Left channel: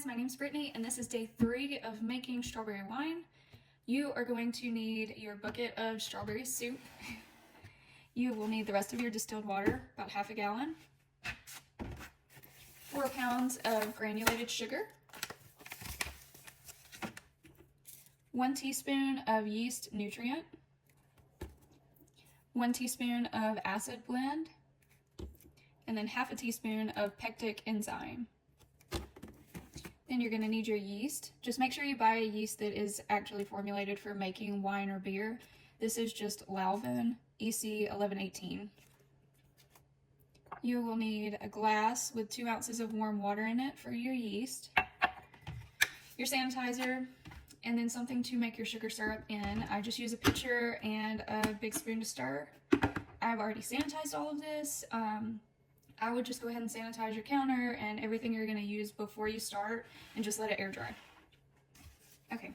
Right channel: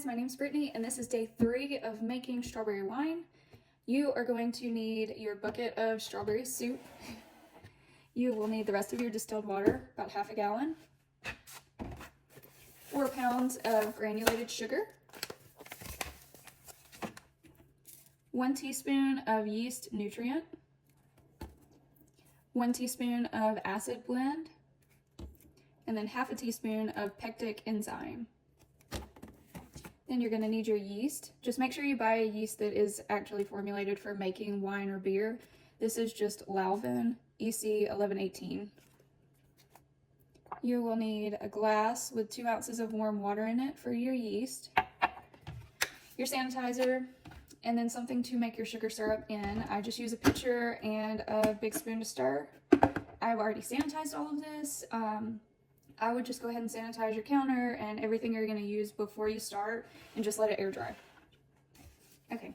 guys, my name is Brittany and this is day 3 of making strawberry wine. You are going to need your bucket of strawberry soup. You will need the rest of your distilled water, about half a gallon, 4 pounds of granulated sugar, 1 teaspoon of yeast nutrient, 1 teaspoon of acid blend, and then half a teaspoon of pectic enzyme. Then you're going to need your yeast. Just make sure you buy a yeast that is actually formulated for making wine or beer. This is just Lalvin EC 1118. You will need a glass with 2 ounces of warm water in it for your yeast, your sanitizer, and then something to make your sugar syrup in. I just use a pitcher and a big spoon to stir. I've already sanitized all of this. I would just go ahead and sanitize your counter and everything you're going to use before you start and just let it air dry. Okay,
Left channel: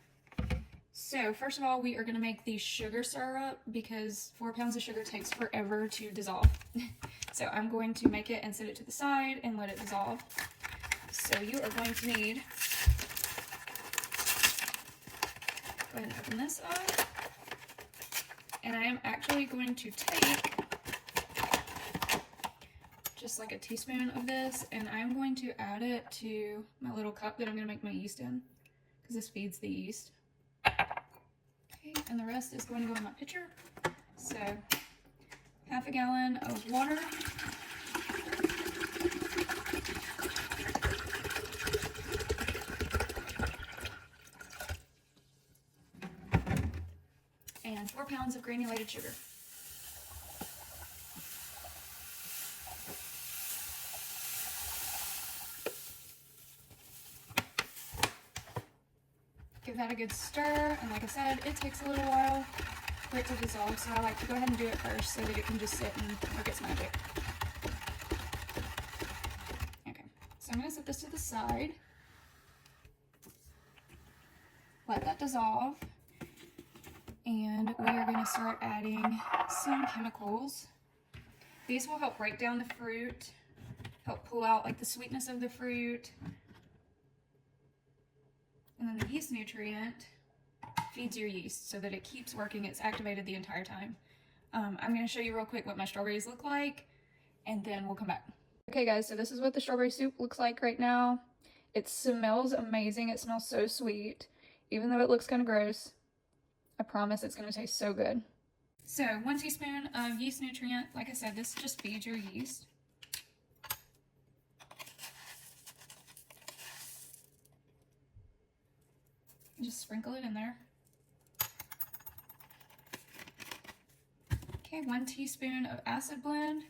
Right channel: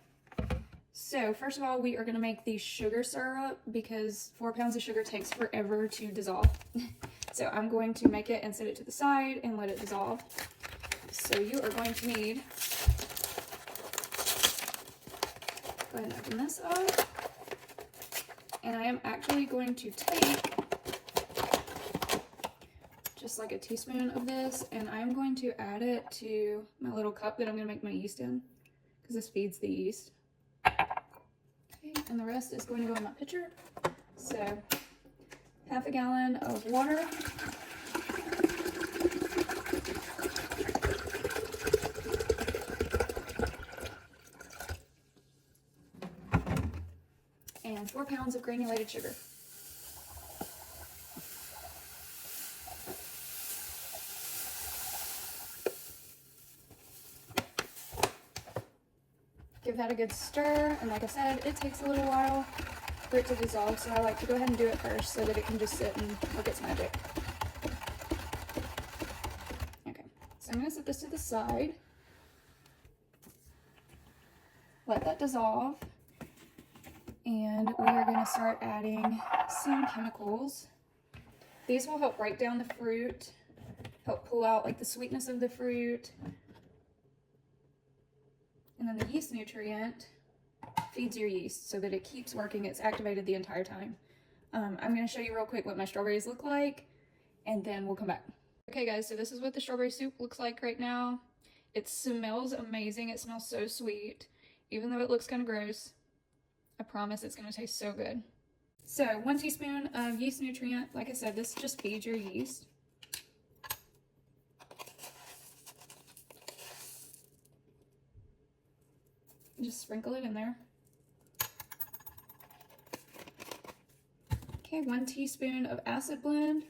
so first of all, we are going to make the sugar syrup because 4 pounds of sugar takes forever to dissolve. So I'm going to make it and set it to the side and let it dissolve. So you are going to need, go ahead and open this up. And I am actually going to take just like a teaspoon of this, and I'm going to add it to my little cup that I'm going to make my yeast in, because this feeds the yeast. Okay, and the rest is going to go in my pitcher. So half a gallon of water, and 4 pounds of granulated sugar. Give that a good stir, and like I said, it takes a little while for it to dissolve, so I like to go ahead and do it first so that it can just sit and work its magic. Okay, so I'm going to set this to the side, let that dissolve, and we are going to start adding some chemicals. These will help break down the fruit, help pull out like the sweetness of the fruit. And then the yeast nutrient feeds your yeast so that it keeps working. It's activated the entire time. I'm going to show you real quick what my strawberries look like, and then we'll come back. Okay guys, so this is what the strawberry soup looks like right now. It smells amazing. It smells so sweet. Even though it looks kind of gross, I promise it's going to taste so good. So 1 teaspoon of yeast nutrient. Like I said, this just feeds your yeast. Just sprinkle it in there. Okay, 1 teaspoon of acid blend.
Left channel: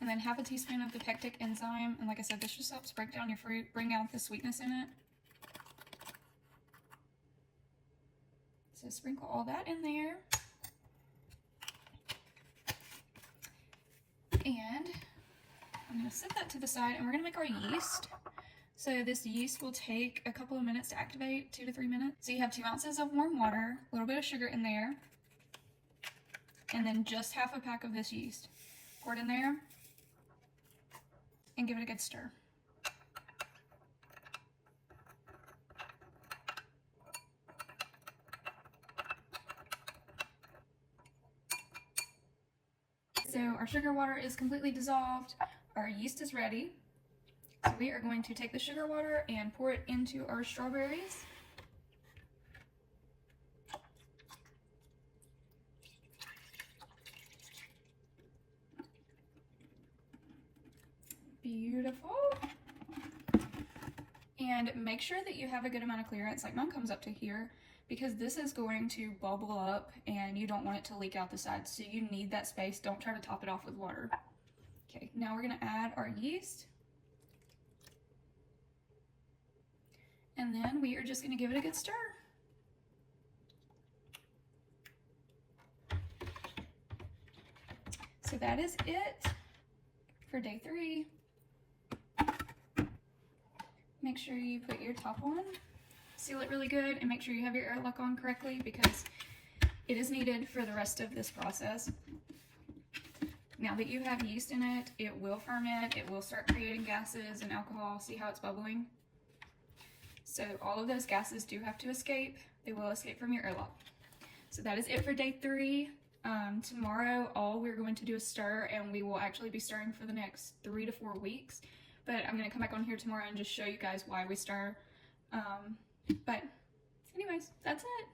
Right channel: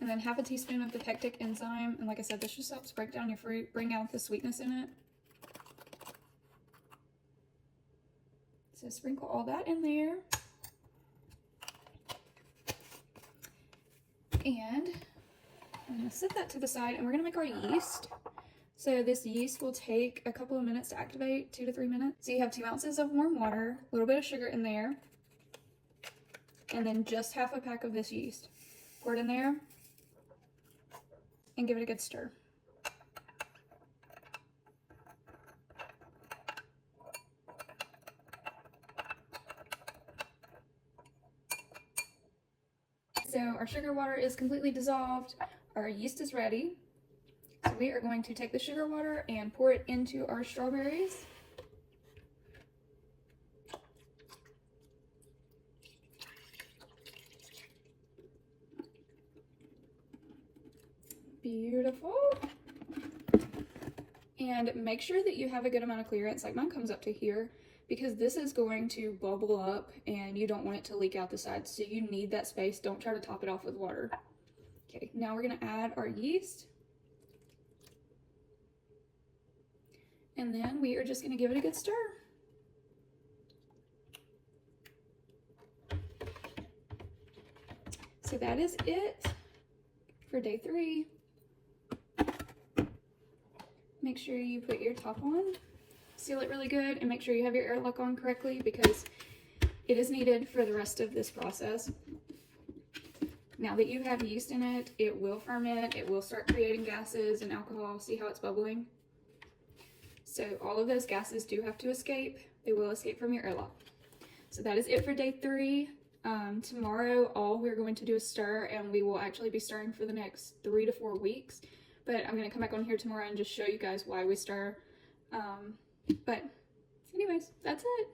And then half a teaspoon of the pectic enzyme. And like I said, this just helps break down your fruit, bring out the sweetness in it. So sprinkle all that in there. And I'm going to set that to the side, and we're going to make our yeast. So this yeast will take a couple of minutes to activate, 2 to 3 minutes. So you have 2 ounces of warm water, a little bit of sugar in there, and then just half a pack of this yeast. Pour it in there and give it a good stir. So our sugar water is completely dissolved, our yeast is ready. So we are going to take the sugar water and pour it into our strawberries. Beautiful. And make sure that you have a good amount of clearance, like mine comes up to here, because this is going to bubble up and you don't want it to leak out the sides. So you need that space. Don't try to top it off with water. Okay, now we're going to add our yeast. And then we are just going to give it a good stir. So that is it for day 3. Make sure you put your top on seal it really good and make sure you have your airlock on correctly because it is needed for the rest of this process. Now that you have yeast in it, it will ferment, it will start creating gases and alcohol. See how it's bubbling? So all of those gases do have to escape. They will escape from your airlock. So that is it for day 3. Tomorrow, all we're going to do is stir, and we will actually be stirring for the next 3 to 4 weeks. But I'm going to come back on here tomorrow and just show you guys why we stir. But anyways, that's it.